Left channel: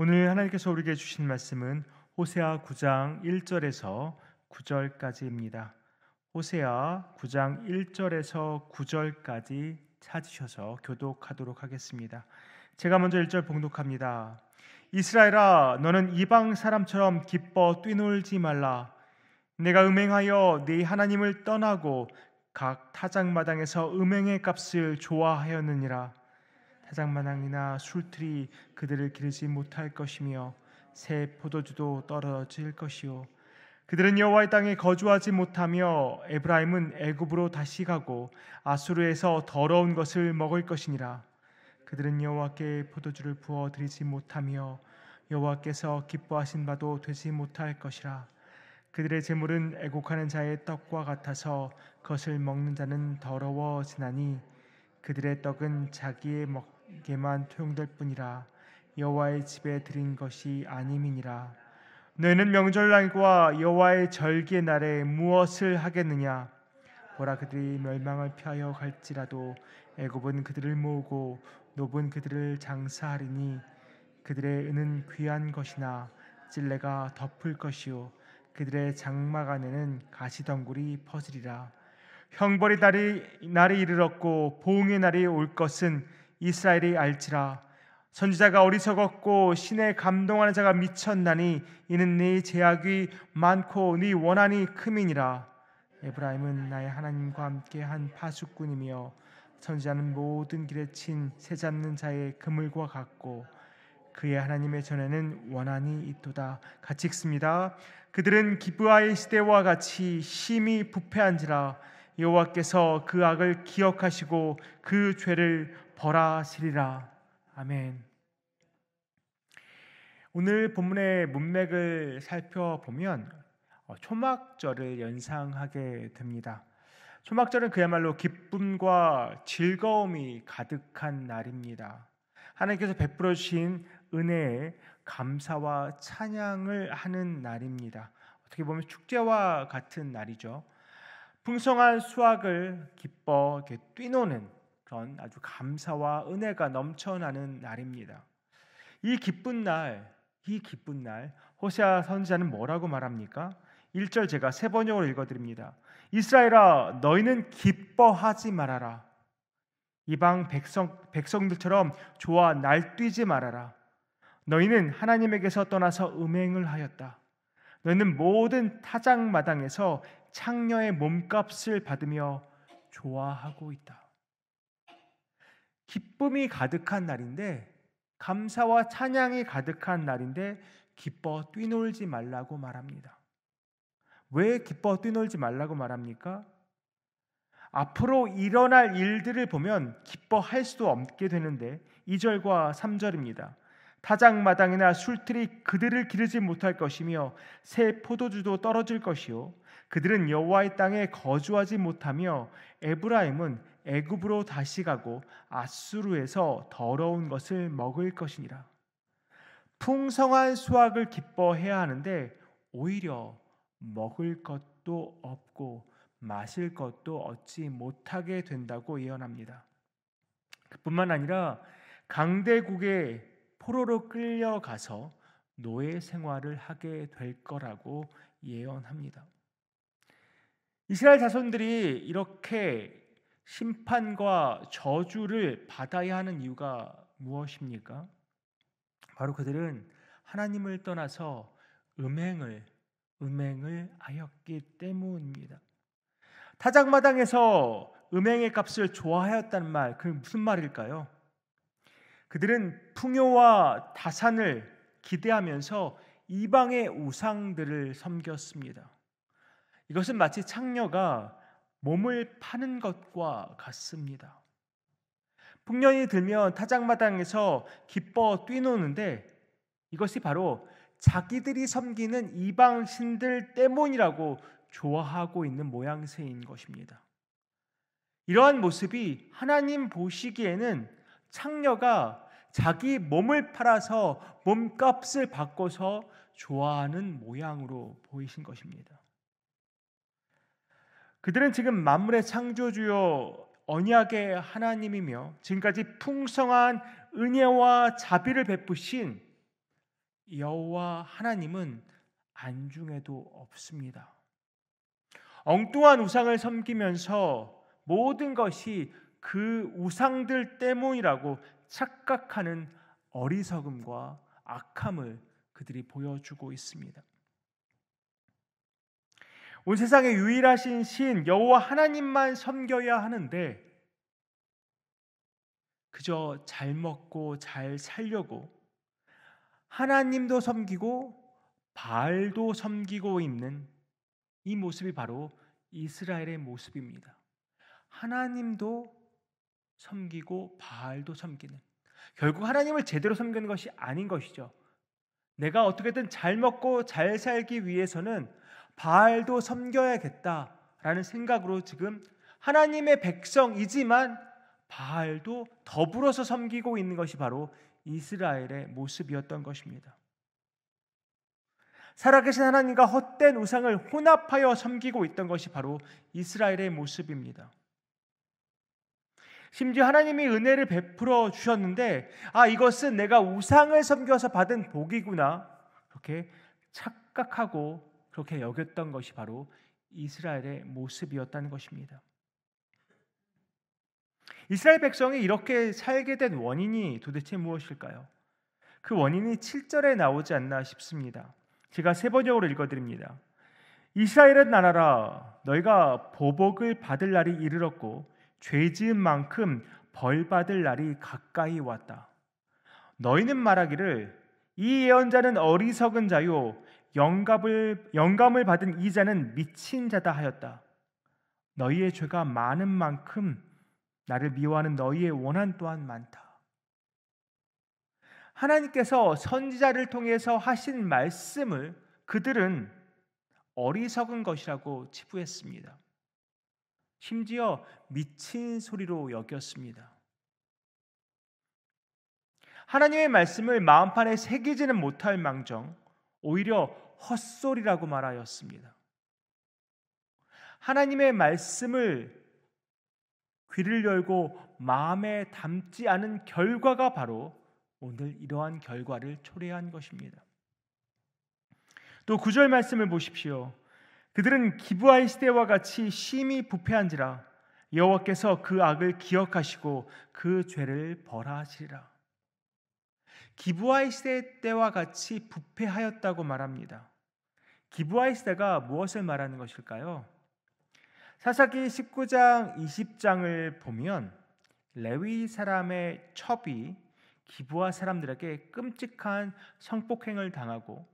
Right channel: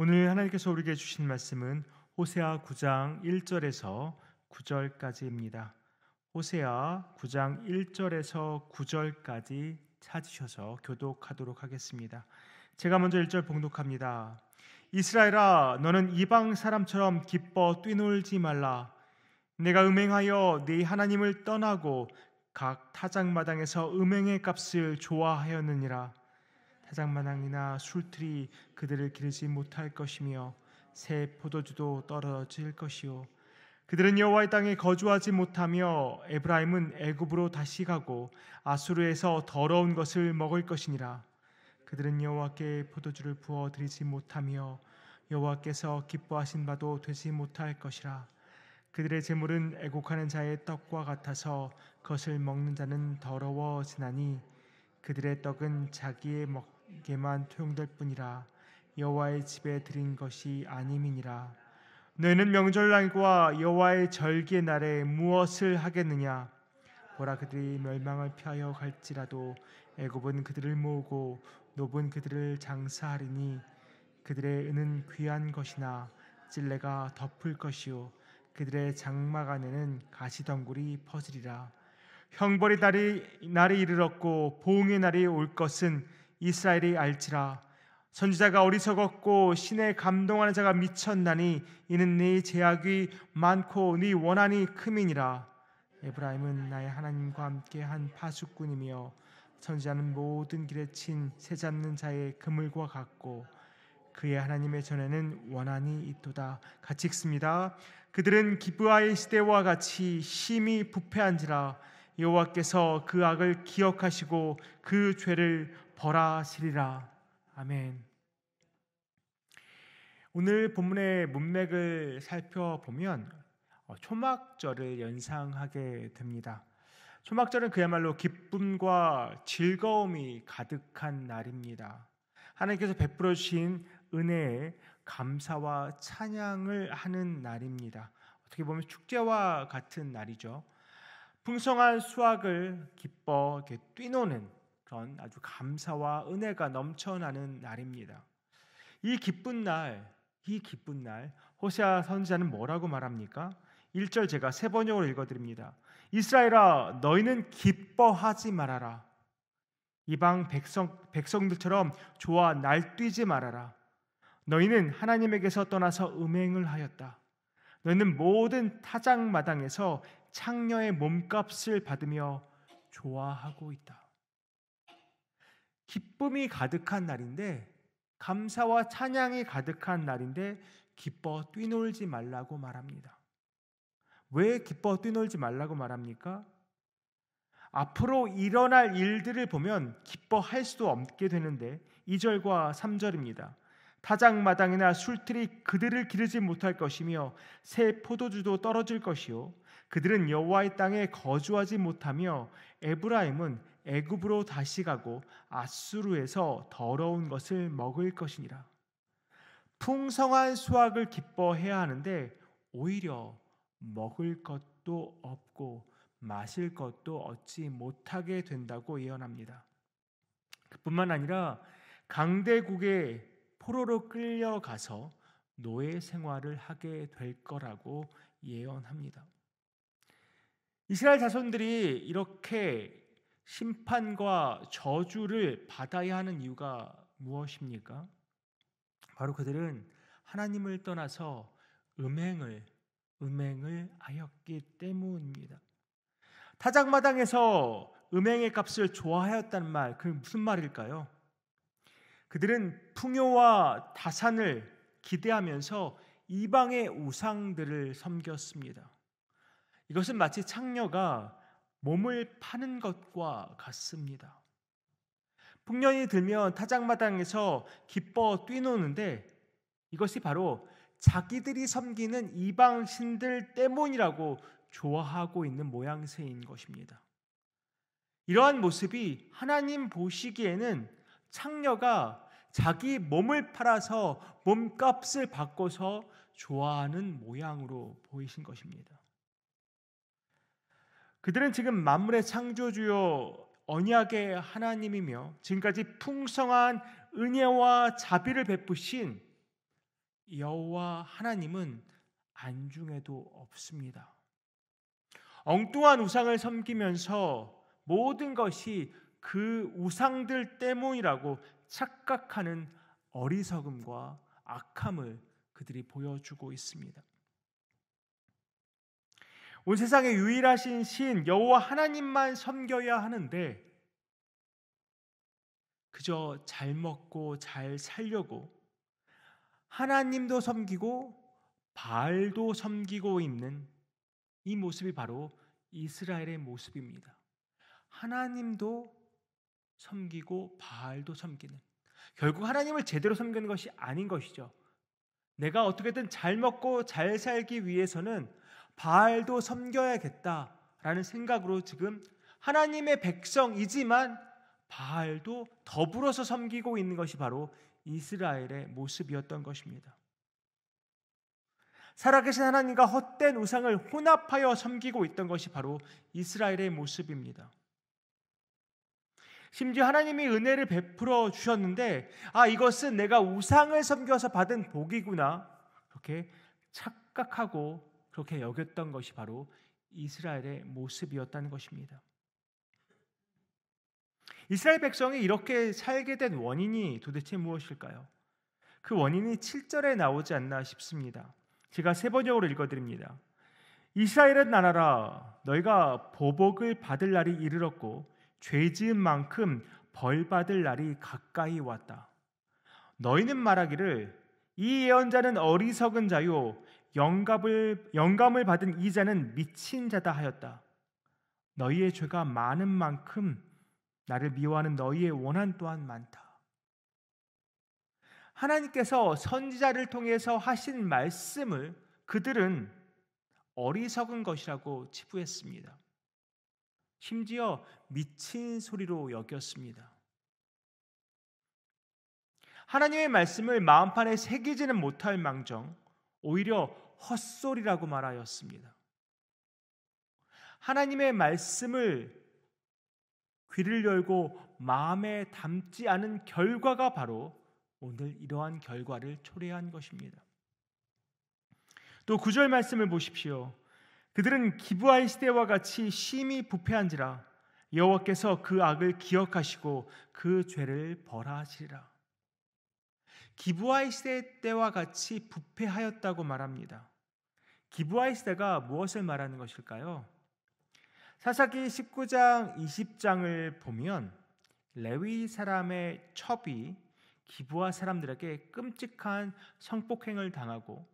오늘 하나님께서 우리에게 주신 말씀은 호세아 9장 1절에서 9절까지입니다. 호세아 9장 1절에서 9절까지 찾으셔서 교독하도록 하겠습니다. 제가 먼저 1절 봉독합니다. 이스라엘아, 너는 이방 사람처럼 기뻐 뛰놀지 말라. 내가 음행하여 네 하나님을 떠나고 각 타작마당에서 음행의 값을 좋아하였느니라. 타작마당이나 술틀이 그들을 기르지 못할 것이며 새 포도주도 떨어질 것이요, 그들은 여호와의 땅에 거주하지 못하며 에브라임은 애굽으로 다시 가고 아수르에서 더러운 것을 먹을 것이니라. 그들은 여호와께 포도주를 부어 드리지 못하며 여호와께서 기뻐하신 바도 되지 못할 것이라. 그들의 재물은 애곡하는 자의 떡과 같아서 그것을 먹는 자는 더러워지나니 그들의 떡은 자기의 먹게만 투용될 뿐이라. 여호와의 집에 드린 것이 아님이니라. 너희는 명절날과 여호와의 절기의 날에 무엇을 하겠느냐? 보라, 그들이 멸망을 피하여 갈지라도 애굽은 그들을 모으고 노브는 그들을 장사하리니 그들의 은은 귀한 것이나 찔레가 덮을 것이요, 그들의 장막 안에는 가시덩굴이 퍼지리라. 형벌의 날이 이르렀고 보응의 날이 올 것은 이스라엘이 알지라. 선지자가 어리석었고 신에 감동하는 자가 미쳤나니 이는 네 제약이 많고 네 원한이 큼이니라. 에브라임은 나의 하나님과 함께 한 파수꾼이며 선지자는 모든 길에 친 새 잡는 자의 그물과 같고 그의 하나님의 전에는 원한이 있도다. 같이 읽습니다. 그들은 기브아의 시대와 같이 심히 부패한지라. 여호와께서 그 악을 기억하시고 그 죄를 벌하시리라. 아멘. 오늘 본문의 문맥을 살펴보면 초막절을 연상하게 됩니다. 초막절은 그야말로 기쁨과 즐거움이 가득한 날입니다. 하나님께서 베풀어 주신 은혜에 감사와 찬양을 하는 날입니다. 어떻게 보면 축제와 같은 날이죠. 풍성한 수확을 기뻐 뛰노는 그런 아주 감사와 은혜가 넘쳐나는 날입니다. 이 기쁜 날 호세아 선지자는 뭐라고 말합니까? 1절 제가 세 번역으로 읽어드립니다. 이스라엘아, 너희는 기뻐하지 말아라. 이방 백성들처럼 좋아 날뛰지 말아라. 너희는 하나님에게서 떠나서 음행을 하였다. 너희는 모든 타작마당에서 창녀의 몸값을 받으며 좋아하고 있다. 기쁨이 가득한 날인데, 감사와 찬양이 가득한 날인데 기뻐 뛰놀지 말라고 말합니다. 왜 기뻐 뛰놀지 말라고 말합니까? 앞으로 일어날 일들을 보면 기뻐할 수도 없게 되는데 2절과 3절입니다. 타작마당이나 술틀이 그들을 기르지 못할 것이며 새 포도주도 떨어질 것이요, 그들은 여호와의 땅에 거주하지 못하며 에브라임은 애굽으로 다시 가고 아수르에서 더러운 것을 먹을 것이니라. 풍성한 수확을 기뻐해야 하는데 오히려 먹을 것도 없고 마실 것도 얻지 못하게 된다고 예언합니다. 그뿐만 아니라 강대국의 포로로 끌려가서 노예 생활을 하게 될 거라고 예언합니다. 이스라엘 자손들이 이렇게 심판과 저주를 받아야 하는 이유가 무엇입니까? 바로 그들은 하나님을 떠나서 음행을 하였기 때문입니다. 타작마당에서 음행의 값을 좋아하였다는 말, 그게 무슨 말일까요? 그들은 풍요와 다산을 기대하면서 이방의 우상들을 섬겼습니다. 이것은 마치 창녀가 몸을 파는 것과 같습니다. 풍년이 들면 타작마당에서 기뻐 뛰노는데 이것이 바로 자기들이 섬기는 이방 신들 때문이라고 좋아하고 있는 모양새인 것입니다. 이러한 모습이 하나님 보시기에는 창녀가 자기 몸을 팔아서 몸값을 바꿔서 좋아하는 모양으로 보이신 것입니다. 그들은 지금 만물의 창조주요 언약의 하나님이며 지금까지 풍성한 은혜와 자비를 베푸신 여호와 하나님은 안중에도 없습니다. 엉뚱한 우상을 섬기면서 모든 것이 그 우상들 때문이라고 착각하는 어리석음과 악함을 그들이 보여주고 있습니다. 온 세상에 유일하신 신 여호와 하나님만 섬겨야 하는데 그저 잘 먹고 잘 살려고 하나님도 섬기고 바알도 섬기고 있는 이 모습이 바로 이스라엘의 모습입니다. 하나님도 섬기고 바알도 섬기는, 결국 하나님을 제대로 섬기는 것이 아닌 것이죠. 내가 어떻게든 잘 먹고 잘 살기 위해서는 바알도 섬겨야겠다라는 생각으로 지금 하나님의 백성이지만 바알도 더불어서 섬기고 있는 것이 바로 이스라엘의 모습이었던 것입니다. 살아계신 하나님과 헛된 우상을 혼합하여 섬기고 있던 것이 바로 이스라엘의 모습입니다. 심지어 하나님이 은혜를 베풀어 주셨는데 이것은 내가 우상을 섬겨서 받은 복이구나 그렇게 착각하고 그렇게 여겼던 것이 바로 이스라엘의 모습이었다는 것입니다. 이스라엘 백성이 이렇게 살게 된 원인이 도대체 무엇일까요? 그 원인이 7절에 나오지 않나 싶습니다. 제가 세 번역으로 읽어드립니다. 이스라엘은 나라라, 너희가 보복을 받을 날이 이르렀고 죄 지은 만큼 벌 받을 날이 가까이 왔다. 너희는 말하기를 이 예언자는 어리석은 자요 영감을 받은 이 자는 미친 자다 하였다. 너희의 죄가 많은 만큼 나를 미워하는 너희의 원한 또한 많다. 하나님께서 선지자를 통해서 하신 말씀을 그들은 어리석은 것이라고 치부했습니다. 심지어 미친 소리로 여겼습니다. 하나님의 말씀을 마음판에 새기지는 못할 망정 오히려 헛소리라고 말하였습니다. 하나님의 말씀을 귀를 열고 마음에 담지 않은 결과가 바로 오늘 이러한 결과를 초래한 것입니다. 또 9절 말씀을 보십시오. 그들은 기브아의 시대와 같이 심히 부패한지라 여호와께서 그 악을 기억하시고 그 죄를 벌하시리라. 기브아의 시대 때와 같이 부패하였다고 말합니다. 기브아의 시대가 무엇을 말하는 것일까요? 사사기 19장 20장을 보면 레위 사람의 첩이 기브아 사람들에게 끔찍한 성폭행을 당하고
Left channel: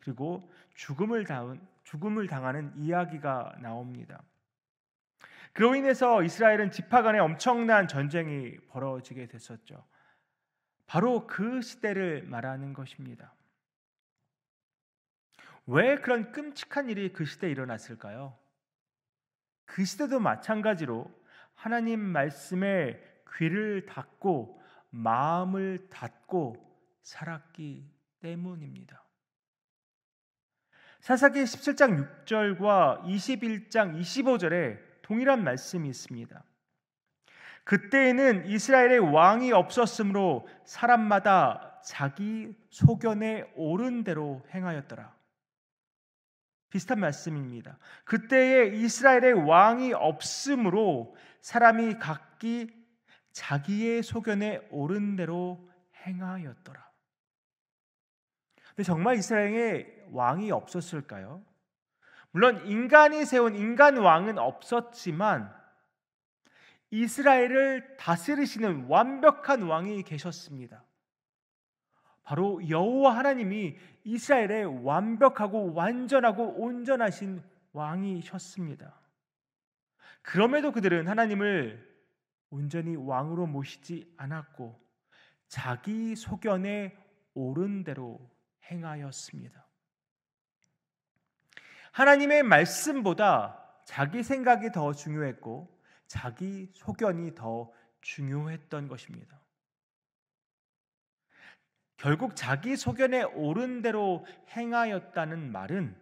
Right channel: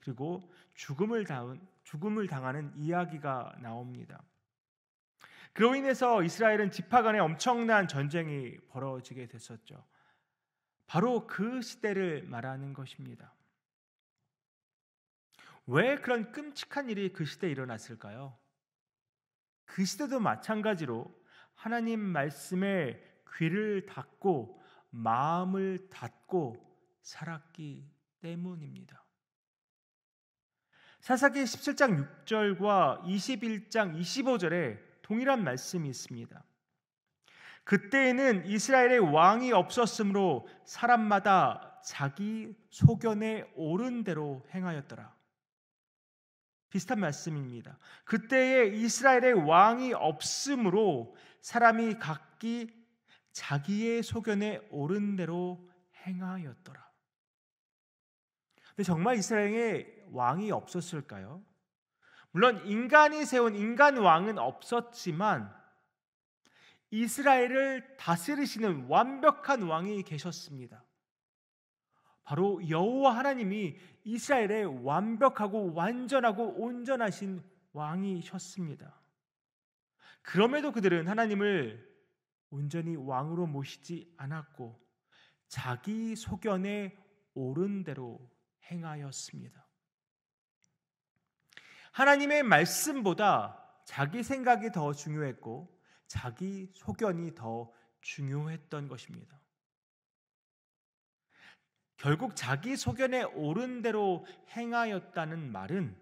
그리고 죽음을 당하는 이야기가 나옵니다. 그로 인해서 이스라엘은 지파 간에 엄청난 전쟁이 벌어지게 됐었죠. 바로 그 시대를 말하는 것입니다. 왜 그런 끔찍한 일이 그 시대에 일어났을까요? 그 시대도 마찬가지로 하나님 말씀에 귀를 닫고 마음을 닫고 살았기 때문입니다. 사사기 17장 6절과 21장 25절에 동일한 말씀이 있습니다. 그때에는 이스라엘의 왕이 없었으므로 사람마다 자기 소견에 옳은 대로 행하였더라. 비슷한 말씀입니다. 그때에 이스라엘의 왕이 없으므로 사람이 각기 자기의 소견에 옳은 대로 행하였더라. 근데 정말 이스라엘에 왕이 없었을까요? 물론 인간이 세운 인간 왕은 없었지만 이스라엘을 다스리시는 완벽한 왕이 계셨습니다. 바로 여호와 하나님이 이스라엘의 완벽하고 완전하고 온전하신 왕이셨습니다. 그럼에도 그들은 하나님을 온전히 왕으로 모시지 않았고 자기 소견에 옳은 대로 행하였습니다. 하나님의 말씀보다 자기 생각이 더 중요했고 자기 소견이 더 중요했던 것입니다. 결국 자기 소견에 옳은 대로 행하였다는 말은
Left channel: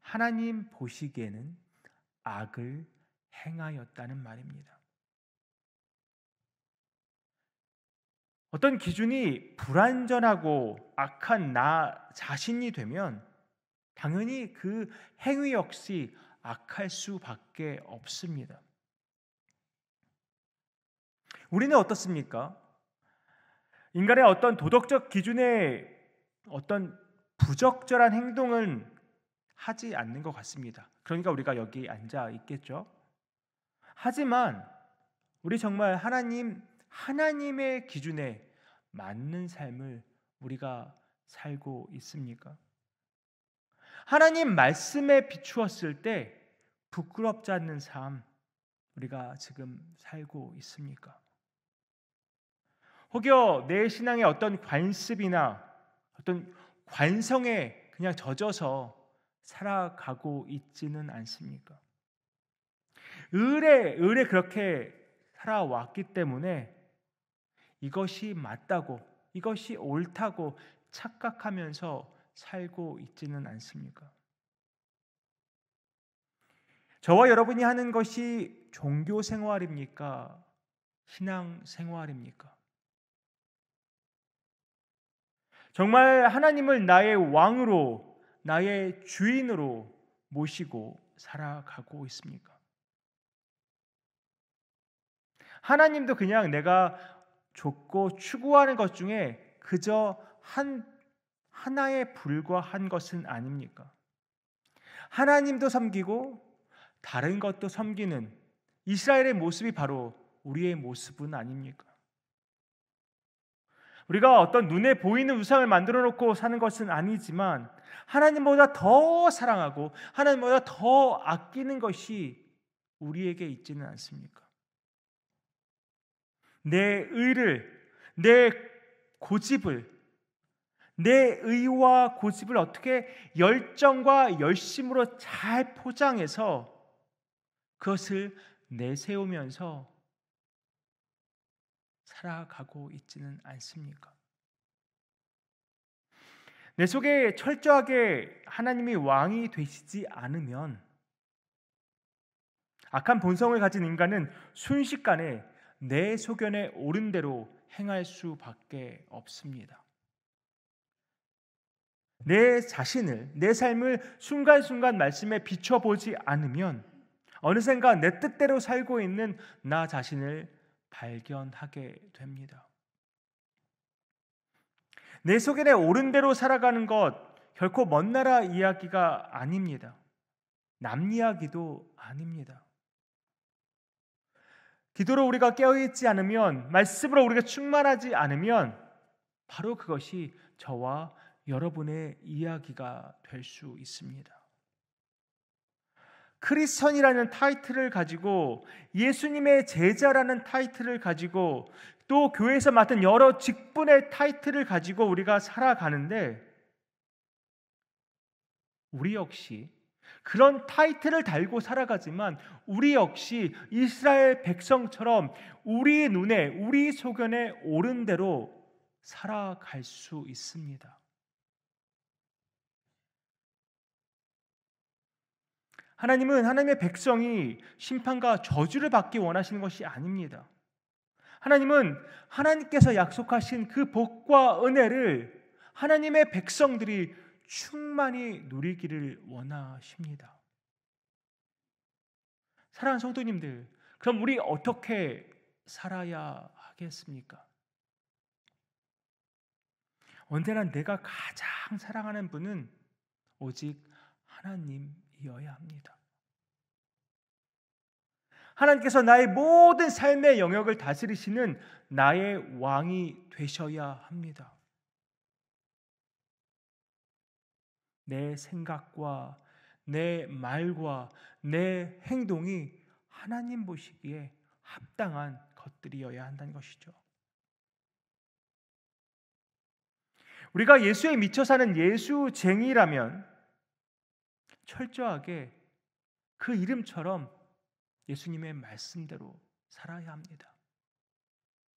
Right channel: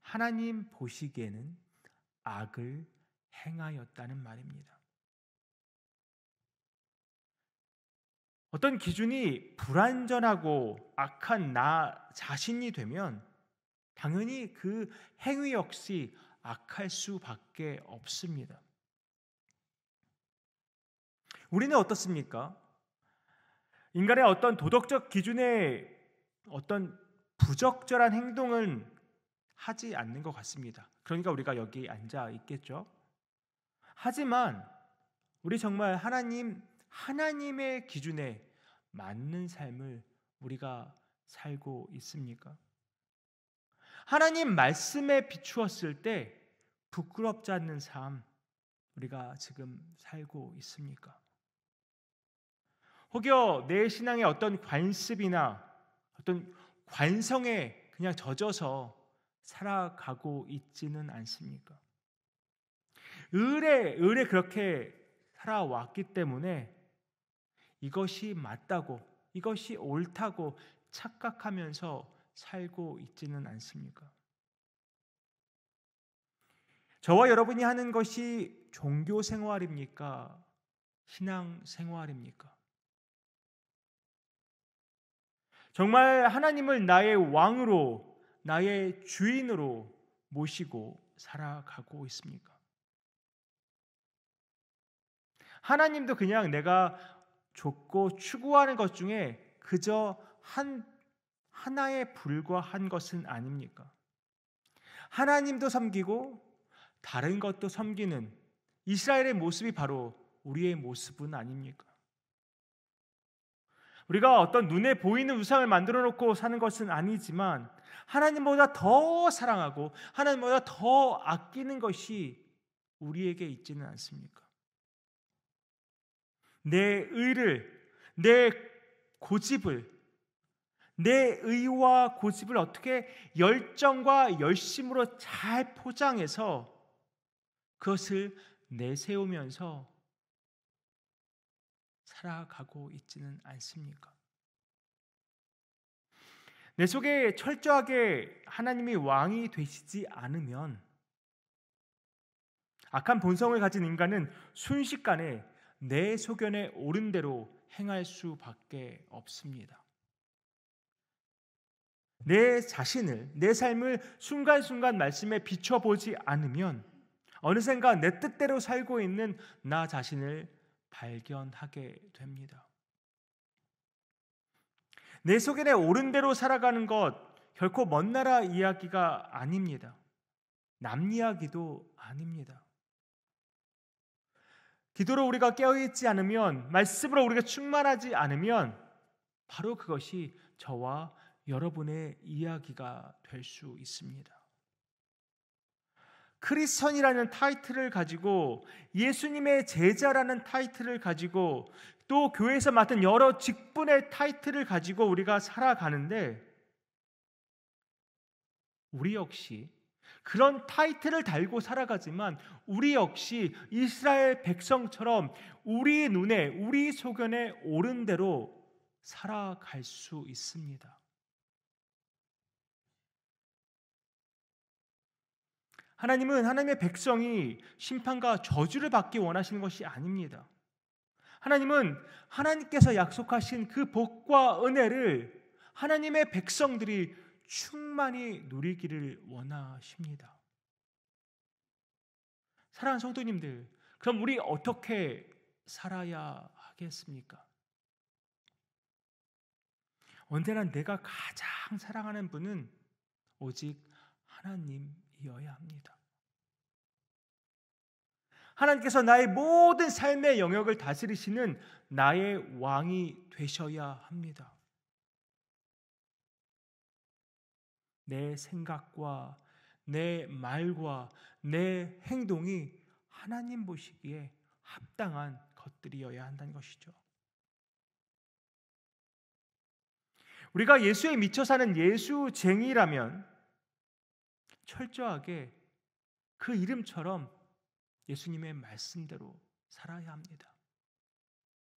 하나님 보시기에는 악을 행하였다는 말입니다. 어떤 기준이 불완전하고 악한 나 자신이 되면 당연히 그 행위 역시 악할 수밖에 없습니다. 우리는 어떻습니까? 인간의 어떤 도덕적 기준에 어떤 부적절한 행동은 하지 않는 것 같습니다. 그러니까 우리가 여기 앉아 있겠죠. 하지만 우리 정말 하나님의 기준에 맞는 삶을 우리가 살고 있습니까? 하나님 말씀에 비추었을 때 부끄럽지 않는 삶 우리가 지금 살고 있습니까? 혹여 내 신앙의 어떤 관습이나 어떤 관성에 그냥 젖어서 살아가고 있지는 않습니까? 을에 그렇게 살아왔기 때문에 이것이 맞다고, 이것이 옳다고 착각하면서 살고 있지는 않습니까? 저와 여러분이 하는 것이 종교 생활입니까? 신앙 생활입니까? 정말 하나님을 나의 왕으로, 나의 주인으로 모시고 살아가고 있습니까? 하나님도 그냥 내가 좇고 추구하는 것 중에 그저 하나에 불과한 것은 아닙니까? 하나님도 섬기고 다른 것도 섬기는 이스라엘의 모습이 바로 우리의 모습은 아닙니까? 우리가 어떤 눈에 보이는 우상을 만들어 놓고 사는 것은 아니지만 하나님보다 더 사랑하고 하나님보다 더 아끼는 것이 우리에게 있지는 않습니까? 내 의를, 내 고집을, 내 의와 고집을 어떻게 열정과 열심으로 잘 포장해서 그것을 내세우면서 살아가고 있지는 않습니까? 내 속에 철저하게 하나님이 왕이 되시지 않으면 악한 본성을 가진 인간은 순식간에 내 소견에 옳은 대로 행할 수밖에 없습니다. 내 자신을, 내 삶을 순간순간 말씀에 비춰보지 않으면 어느샌가 내 뜻대로 살고 있는 나 자신을 발견하게 됩니다. 내 소견에 옳은 대로 살아가는 것 결코 먼 나라 이야기가 아닙니다. 남 이야기도 아닙니다. 기도로 우리가 깨어있지 않으면, 말씀으로 우리가 충만하지 않으면 바로 그것이 저와 여러분의 이야기가 될 수 있습니다. 크리스천이라는 타이틀을 가지고, 예수님의 제자라는 타이틀을 가지고, 또 교회에서 맡은 여러 직분의 타이틀을 가지고 우리가 살아가는데 우리 역시 그런 타이틀을 달고 살아가지만 우리 역시 이스라엘 백성처럼 우리 눈에, 우리 소견에 옳은 대로 살아갈 수 있습니다. 하나님은 하나님의 백성이 심판과 저주를 받기 원하시는 것이 아닙니다. 하나님은 하나님께서 약속하신 그 복과 은혜를 하나님의 백성들이 충만히 누리기를 원하십니다. 사랑하는 성도님들, 그럼 우리 어떻게 살아야 하겠습니까? 언제나 내가 가장 사랑하는 분은 오직 하나님이어야 합니다. 하나님께서 나의 모든 삶의 영역을 다스리시는 나의 왕이 되셔야 합니다. 내 생각과 내 말과 내 행동이 하나님 보시기에 합당한 것들이어야 한다는 것이죠. 우리가 예수에 미쳐 사는 예수쟁이라면 철저하게 그 이름처럼 예수님의 말씀대로 살아야 합니다.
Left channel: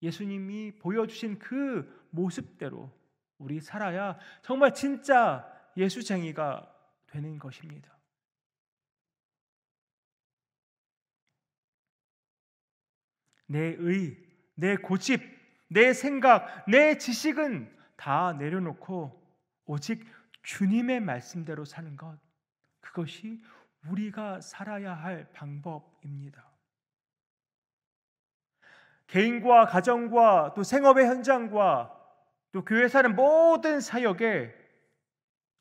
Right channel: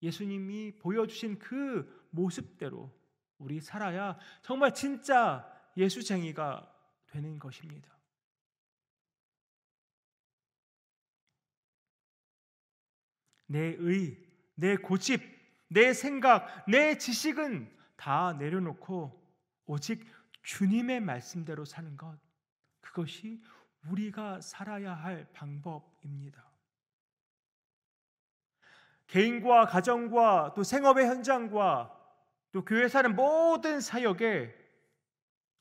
예수님이 보여주신 그 모습대로 우리 살아야 정말 진짜 예수쟁이가 되는 것입니다. 내 의, 내 고집, 내 생각, 내 지식은 다 내려놓고 오직 주님의 말씀대로 사는 것, 그것이 우리가 살아야 할 방법입니다. 개인과 가정과 또 생업의 현장과 또 교회 사는 모든 사역에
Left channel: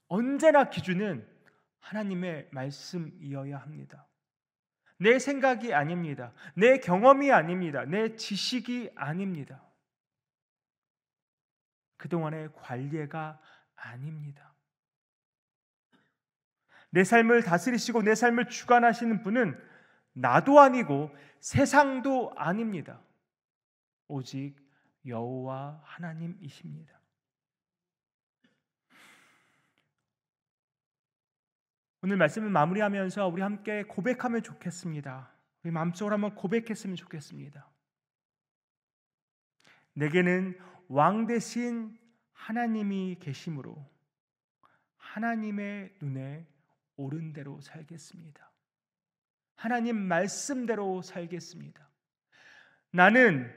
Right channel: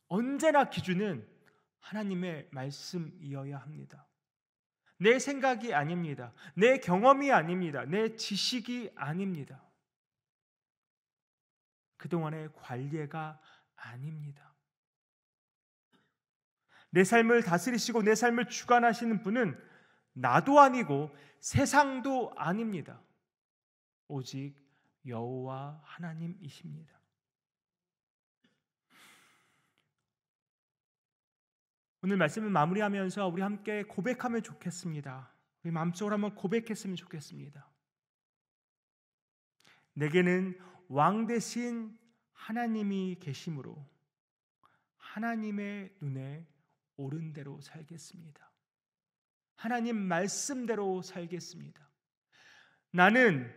언제나 기준은 하나님의 말씀이어야 합니다. 내 생각이 아닙니다. 내 경험이 아닙니다. 내 지식이 아닙니다. 그동안의 관례가 아닙니다. 내 삶을 다스리시고 내 삶을 주관하시는 분은 나도 아니고 세상도 아닙니다. 오직 여호와 하나님이십니다. 오늘 말씀을 마무리하면서 우리 함께 고백하면 좋겠습니다. 우리 마음속으로 한번 고백했으면 좋겠습니다. 내게는 왕 대신 하나님이 계심으로 하나님의 눈에 옳은 대로 살겠습니다. 하나님 말씀대로 살겠습니다. 나는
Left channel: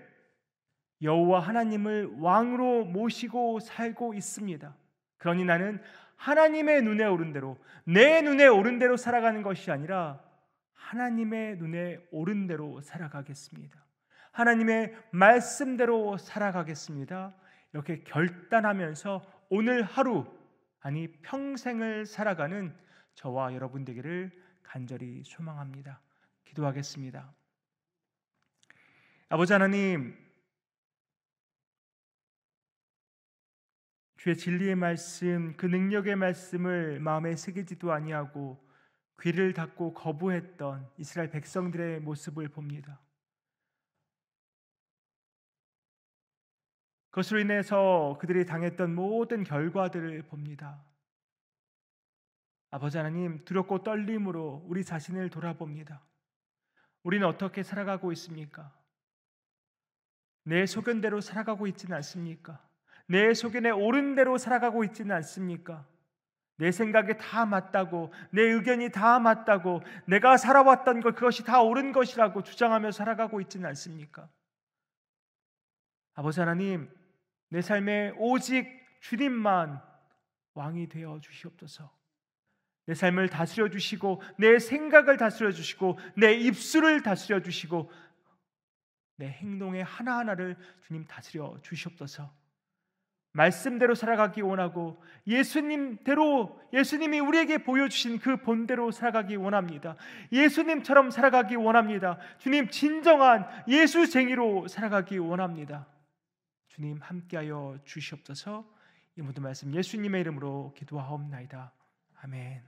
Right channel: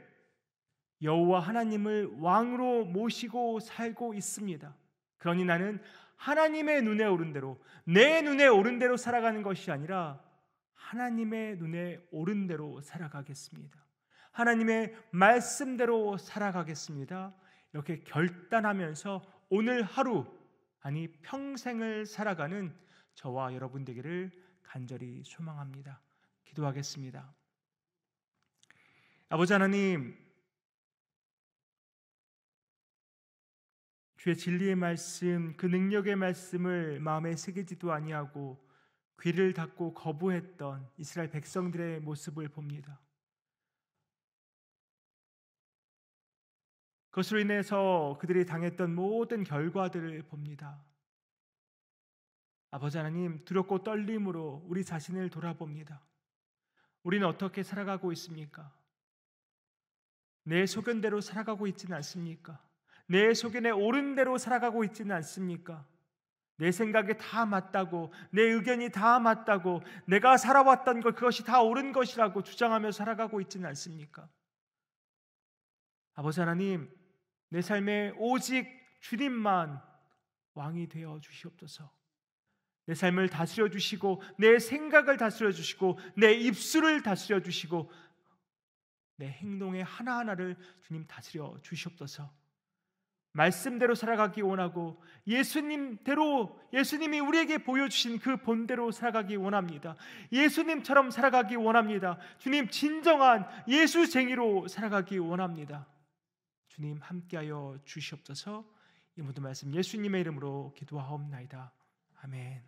여호와 하나님을 왕으로 모시고 살고 있습니다. 그러니 나는 하나님의 눈에 옳은 대로, 내 눈에 옳은 대로 살아가는 것이 아니라 하나님의 눈에 옳은 대로 살아가겠습니다. 하나님의 말씀대로 살아가겠습니다. 이렇게 결단하면서 오늘 하루, 아니 평생을 살아가는 저와 여러분 되기를 간절히 소망합니다. 기도하겠습니다. 아버지 하나님, 주의 진리의 말씀, 그 능력의 말씀을 마음에 새기지도 아니하고 귀를 닫고 거부했던 이스라엘 백성들의 모습을 봅니다. 그것으로 인해서 그들이 당했던 모든 결과들을 봅니다. 아버지 하나님, 두렵고 떨림으로 우리 자신을 돌아봅니다. 우리는 어떻게 살아가고 있습니까? 내 소견대로 살아가고 있지는 않습니까? 내 소견에 옳은 대로 살아가고 있지는 않습니까? 내 생각이 다 맞다고, 내 의견이 다 맞다고, 내가 살아왔던 것, 그것이 다 옳은 것이라고 주장하며 살아가고 있지는 않습니까? 아버지 하나님, 내 삶에 오직 주님만 왕이 되어 주시옵소서. 내 삶을 다스려 주시고, 내 생각을 다스려 주시고, 내 입술을 다스려 주시고, 내 행동의 하나하나를 주님 다스려 주시옵소서. 말씀대로 살아가기 원하고 예수님대로, 예수님이 우리에게 보여주신 그 본대로 살아가기 원합니다. 예수님처럼 살아가기 원합니다. 주님, 진정한 예수쟁이로 살아가기 원합니다. 주님, 함께하여 주시옵소서. 이 모든 말씀 예수님의 이름으로 기도하옵나이다. 아멘.